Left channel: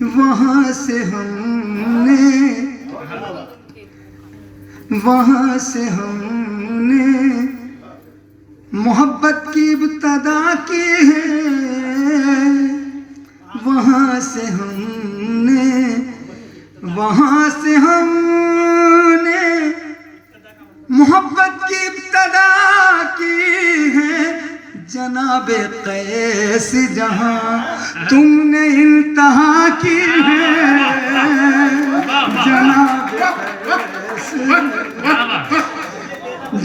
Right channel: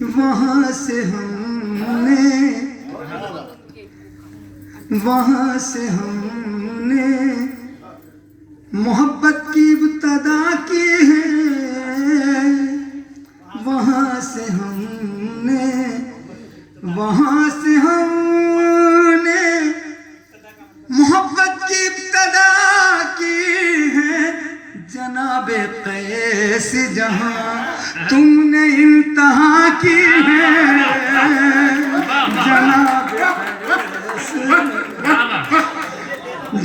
वहाँ से हमने मोहब्बत की इब्तदा की है। वहाँ से हमने मोहब्बत की इब्तदा की है। जनाबे कैस जहाँ तुमने इंतहा की है।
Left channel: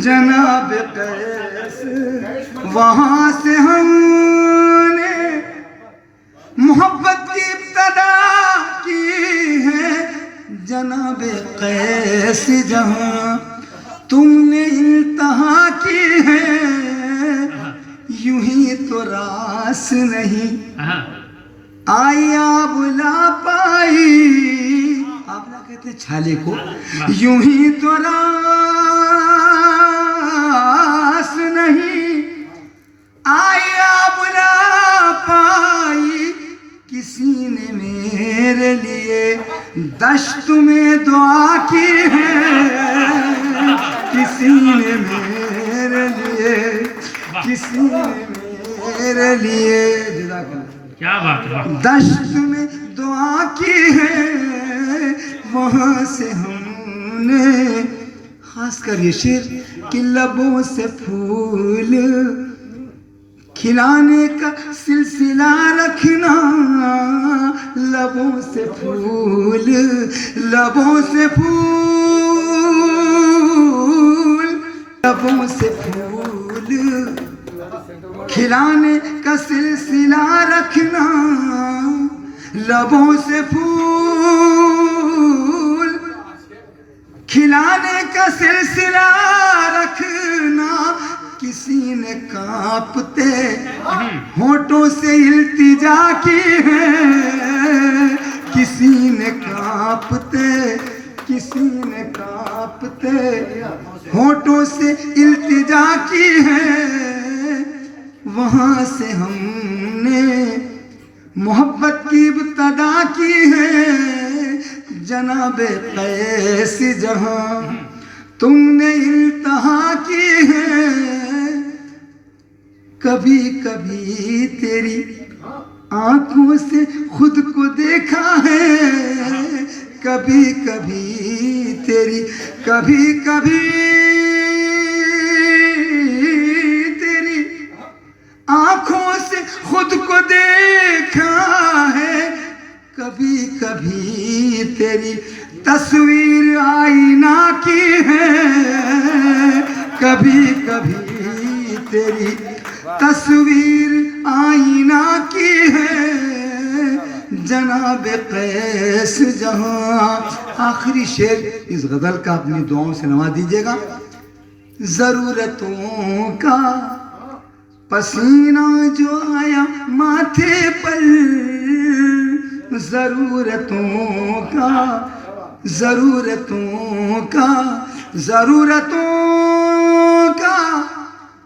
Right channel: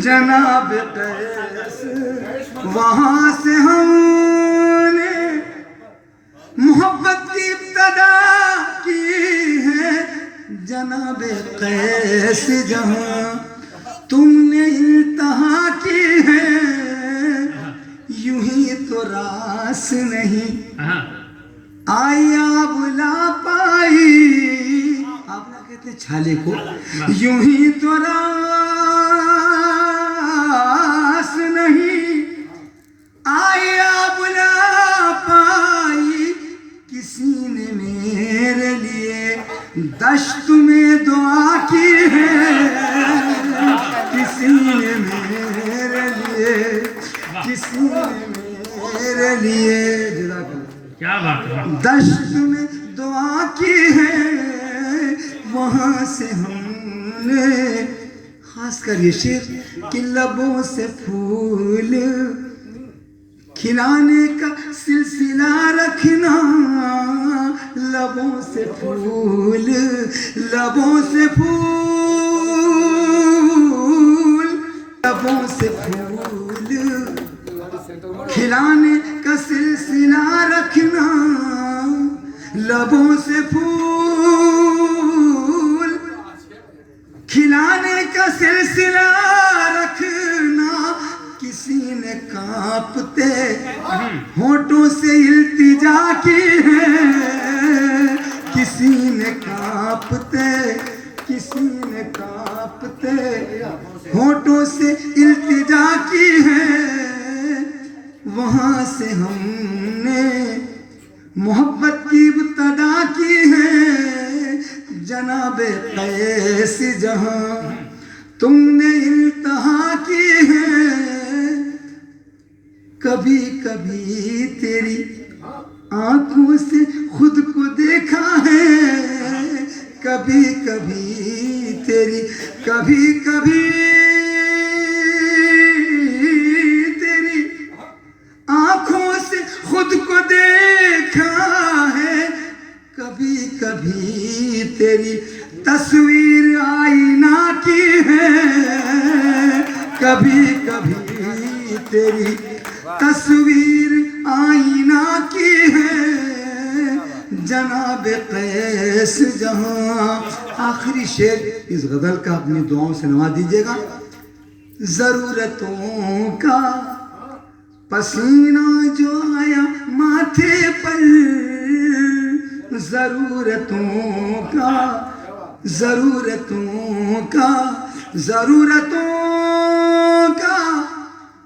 जनाब कैस वहाँ से हमने मोहब्बत की इब्तदा की है। जनाब कैस जहाँ तुमने इंतहा की है। यूं ही तो रास नहीं आया बुला पाई। आप ना कहते छाले को, यूं ही तो रास नहीं आया बुला पाई। किसी ने मेरे लिए दश्त में दुआ की है। किसी ने मेरे लिए क्या बात है, दश्त में दुआ की है। वहाँ से हमने खासकर ये शेर कि लबों से फूल खिलाने का सिलसिला रखना। लबों से फूल खिलाने का सिलसिला रखना। लबों से फूल खिलाने का सिलसिला रखना। किसी ने कांपते होठों से इल्तिजा की है। किसी ने कांपते होठों से इल्तिजा की है। वहाँ से हमने मोहब्बत की इब्तदा की है। जनाबे कैस जहाँ तुमने इंतहा की है। कभी कभी तेरी आंखों से खुद को देखा है। कभी कभी तेरी आंखों से खुद को देखा है। कभी कभी तेरी तस्वीर आईना की है। कभी कभी तेरी तस्वीर आईना की है। जनाब कैस जहाँ आखिरी शेर इस गजल का अपनी दुआओं से नवाज दीजिएगा। जरूरतों का पसीना जो आया माथे पर। जरूरतों का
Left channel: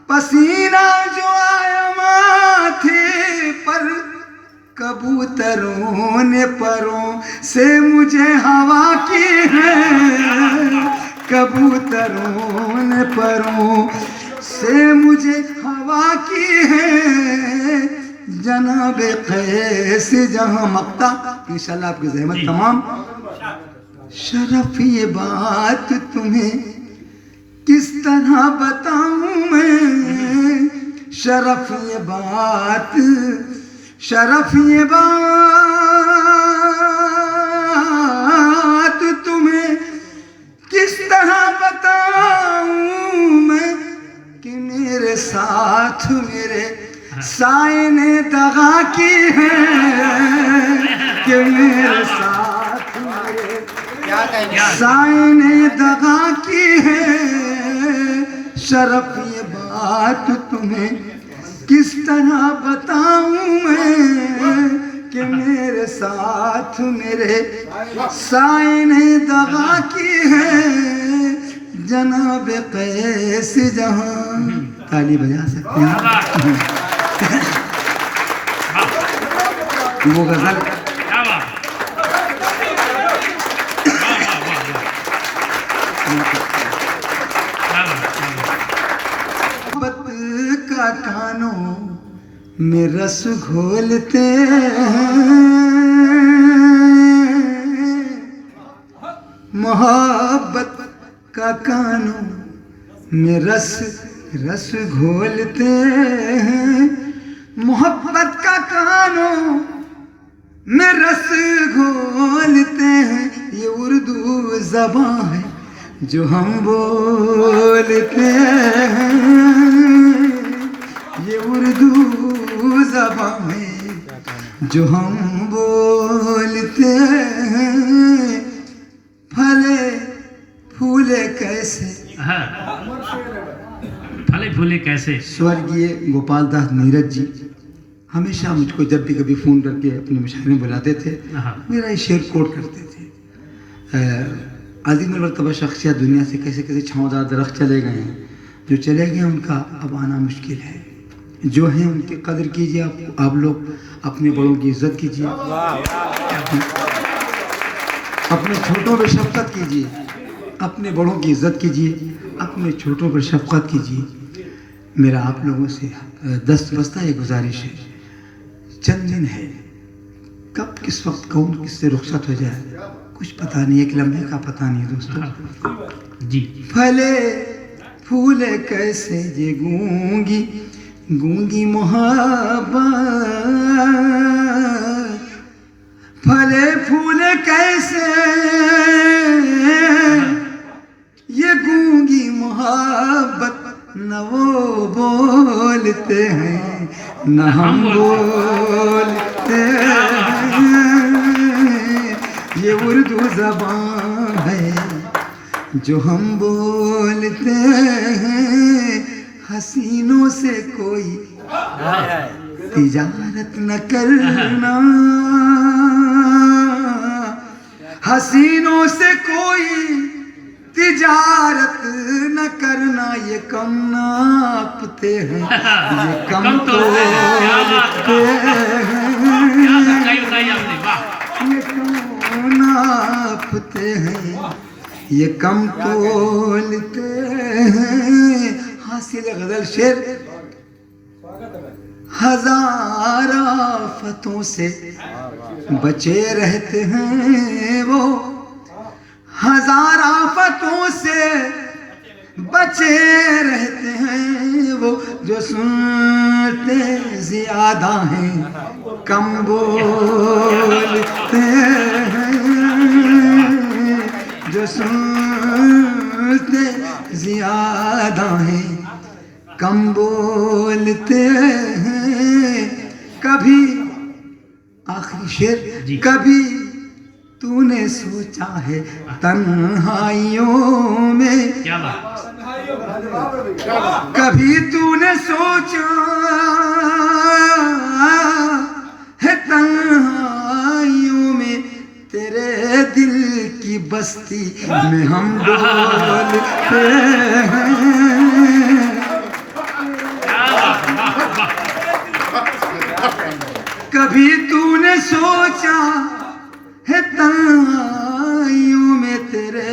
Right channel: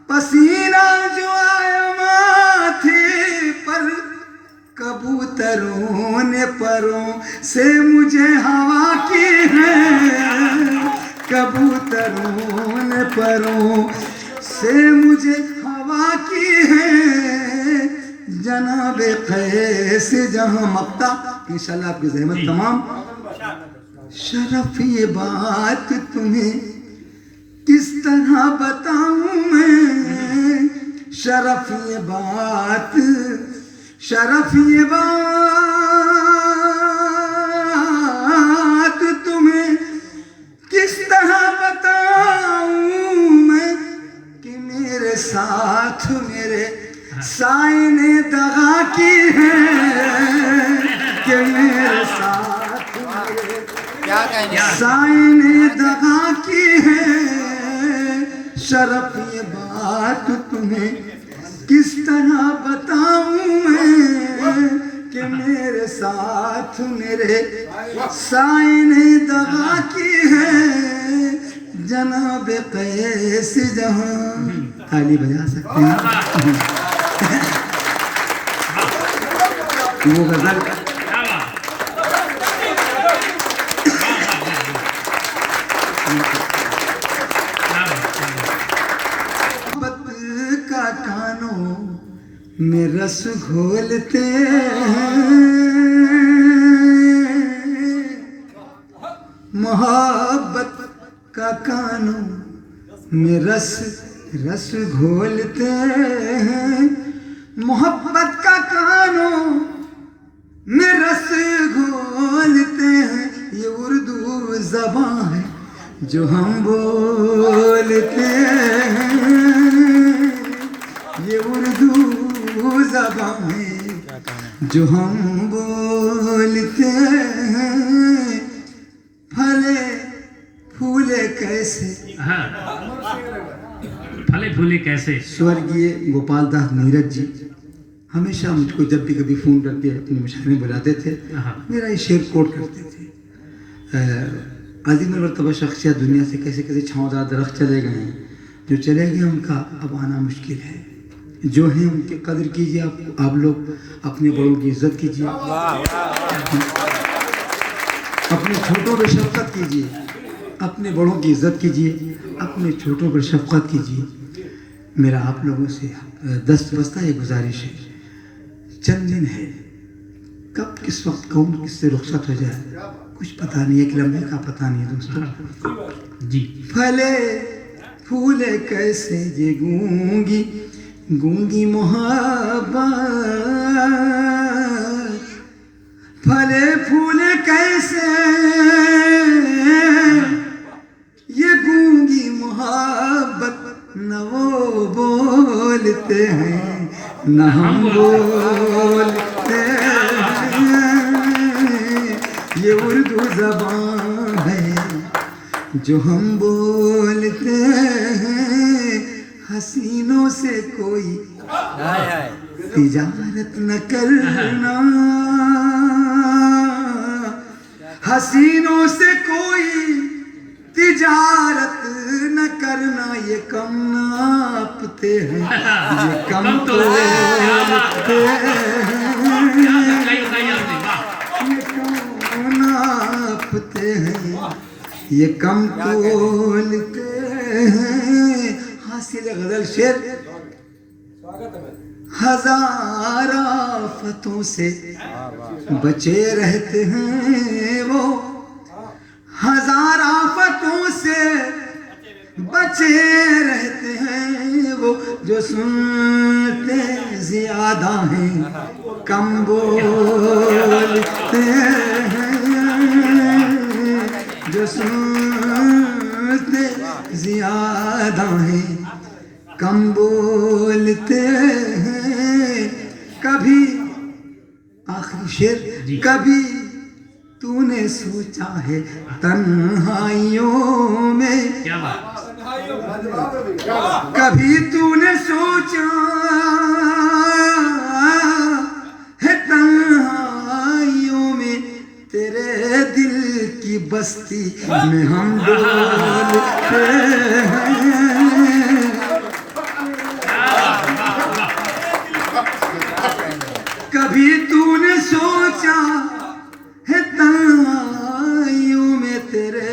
पसीना जो आया माथे पर। कबूतरों ने परों से मुझे हवा की है। कबूतरों ने परों से मुझे हवा की है। जनाब कैस जहाँ मक्ता इंशाल्लाह आपकी ज़हमत तमाम। शरफ ये बात तुम्हें किस तरह बताऊं मैं। शरफ ये बात तुम्हें किस तरह बताऊं मैं कि मेरे साथ मेरे साए ने दगा की है। कि मेरे साथ मेरे साए ने दगा की है। शरफ ये बात तुम्हें किस तरह बताऊं मैं कि मेरे साथ मेरे साए ने दगा की है। जनाब कैस जहाँ ताली बजा सकते हैं। वो गजल में रस घोलते हैं, मोहब्बत का कानों में रस घोलते हैं, मोहब्बत का कानों में रस घोलते हैं। ये उर्दू ज़बान है जो हम बोलते हैं, ये उर्दू ज़बान है जो हम बोलते हैं। फले फूले कैसे, हाँ। फले फूले कैसे। स्वर्गीय गोपाल दास नीरज जी हमेशा मुझको जब भी कभी फ़ोन करके अपने मुशायरे में बुलाते थे, हाँ। मेरा ये शेर कोट करते थे। अज़ीम मर्तबा शख्सियत दुनिया से कैसे कैसे छाँवदार दरख्त चले गए हैं, जो चले गए उनका अब आना मुश्किल है। जो हैं उनकी कदर कीजिए, आप लोग अपने बड़ों की इज्जत कीजिए, अपने छोटों पर शफ़क़त कीजिए, अपने बड़ों की इज्जत कीजिए, अपने छोटों पर शफ़क़त कीजिए। मेरा आप लोगों से दस्तबस्ता ये गुजारिश है, चंद दिन है, कब किस वक्त कौन किससे रुखसत हो जाए कुछ पता नहीं, एक लम्हे का पता नहीं दोस्तों जी। फले फूले कैसे ये गूंगी गूंगी मोहब्बत, फले फूले कैसे ये गूंगी मोहब्बत, न वो बोलते हैं न हम बोलते हैं। ये उर्दू ज़बान है जो हम बोलते हैं। हसीनों से कोई तिजारत न करना, हसीनों से कोई तिजारत न करना, ये कम नापते हैं, ये कम तोलते हैं, ये कम नापते हैं, ये कम तोलते हैं। हासिल गज़ल शेर, हजार आफतों से बचे रहते हैं वो, हजार आफतों से बचे रहते हैं वो, जो सुनते ज्यादा हैं कम बोलते हैं, जो सुनते ज्यादा हैं कम बोलते हैं। कभी आखिरी शेर, कभी तूने सोचा है तन्हाइयों में, कभी तूने सोचा है तन्हाइयों में, तेरे दिल की बस्ती में हम डोलते हैं। कभी तूने सोचा है तन्हाइयों में, तेरे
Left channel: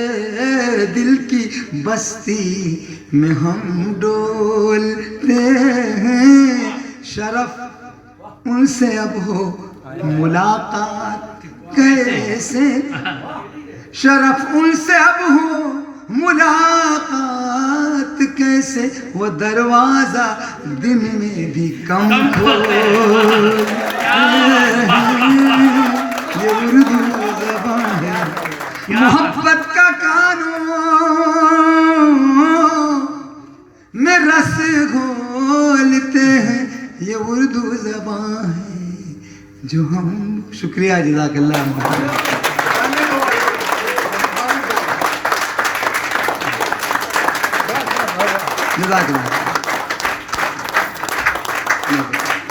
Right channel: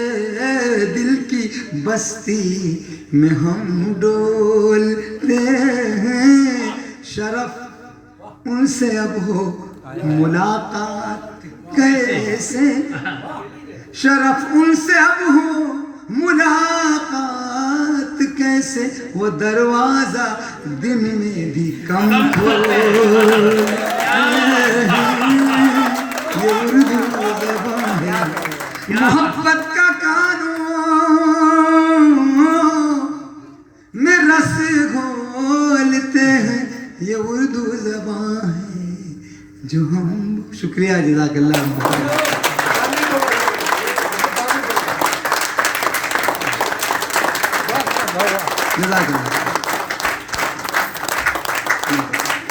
दिल की बस्ती में हम डोलते हैं। शरफ उनसे अब हो मुलाकात कैसे, शरफ उनसे अब हो मुलाकात कैसे, वो दरवाजा दिन में भी कम खोलते हैं। ये उर्दू ज़बान है, मोहब्बत का कानों में रस घोलते हैं। ये उर्दू ज़बान है जो हम, शुक्रिया जज़ाकल्लाह।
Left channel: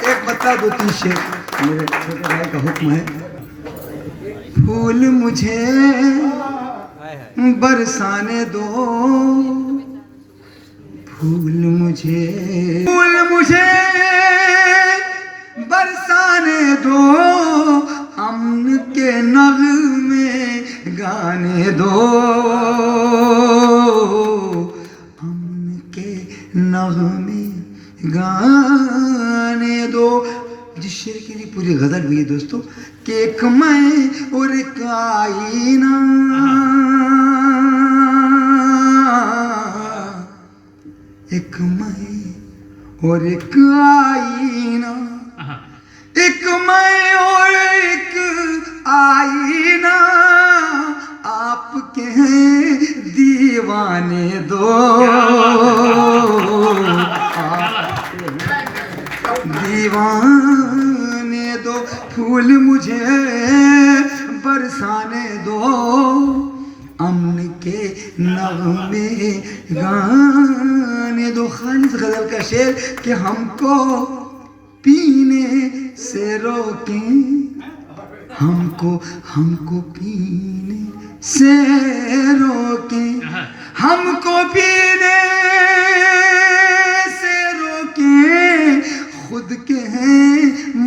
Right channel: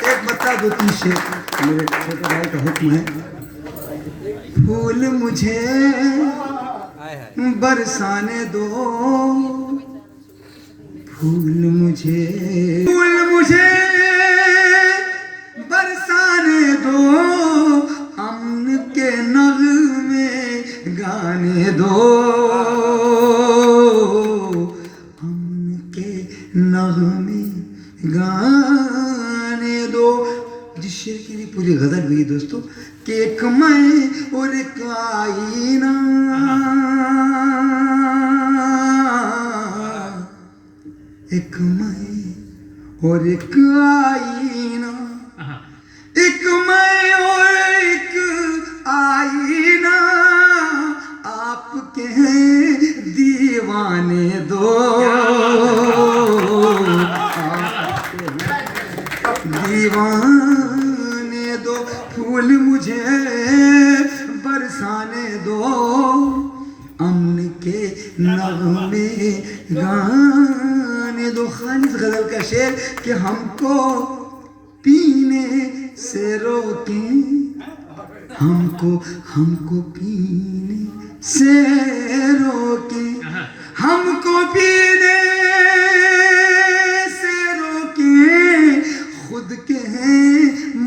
एक बता दो तीन शेर, मेरे छोटे भाई का हुक्म है। फूल मुझे बरसाने दो, फूल मुझे बरसाने दो, अमन के नग़मे गाने दो, अमन के नग़मे गाने दो। दोस्तों कि एक मैं और एक आईना, एक मैं और एक आईना, एक मैं और एक आईना, आपके हैं दीवाने दो, दीवाने दो, फूल मुझे बरसाने दो, अमन के नगमे गाने दो। खालिद गजल का शेर कि हमको पीने से रोकें, हमको पीने से रोकें, हमको पीने से रोकें, खुद के हैं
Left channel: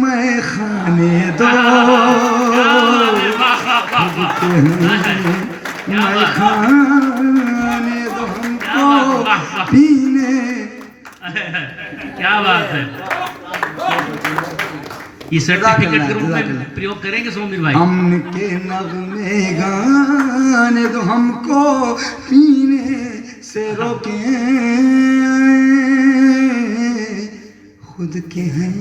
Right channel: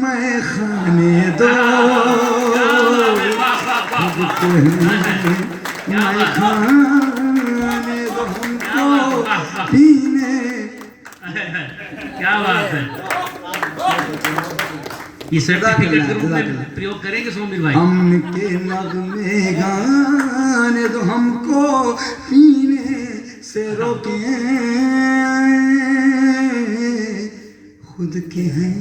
मैं खाने दो, खुद के हैं मैं खाने दो, हमको पीने। क्या बात है, ये सर्टिफिकेट के रूप में प्रयोग करेंगे सोमिर भाई। अमन के नगमे गाने दो, हमको पीने से रोके, खुद के हैं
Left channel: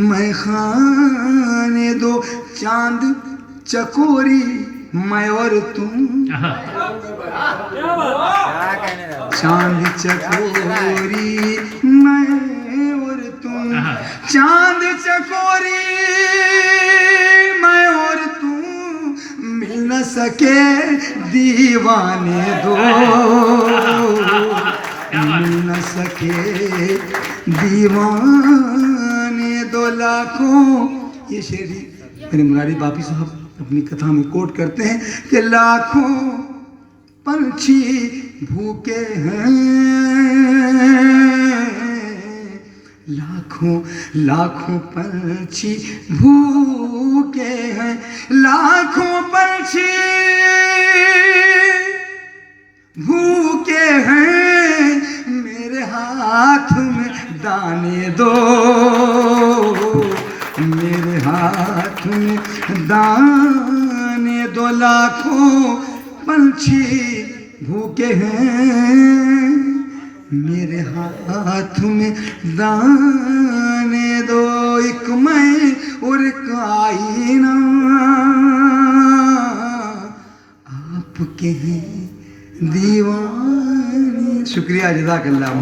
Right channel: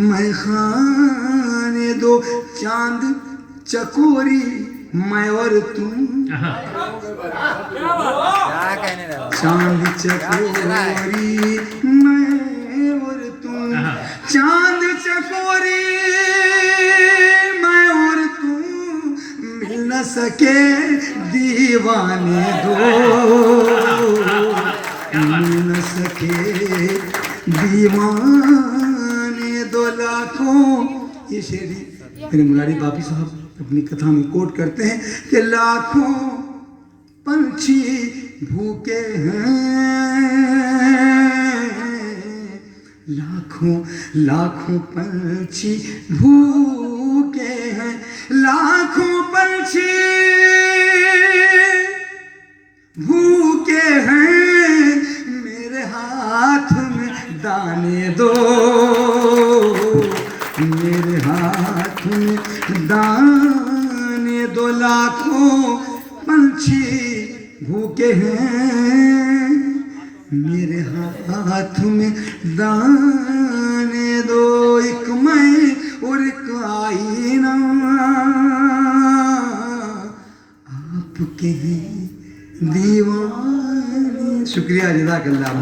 मैं खाने दो, चांद चकोरी मैं और तुम, चांद चकोरी मैं और तुम, चांद चकोरी मैं और तुम, मिल न सके दीवाने दो, मिल न सके दीवाने दो, लाखों। ये शेरी मेरे मुरारी बापी साहब अपनी कथा में कोट करते हैं कि लाखों पंछी भूखे हैं, लाखों पंछी भूखे हैं, लाखों पंछी भूखे हैं, मेरे हाथ में दाने दो, मेरे हाथ में दाने दो, लाखों पंछी भूखे हैं, मेरे हाथ में दाने दो, एक मैं और एक आईना, आपके हैं दीवाने। शुक्रिया, जज़ाकल्लाह।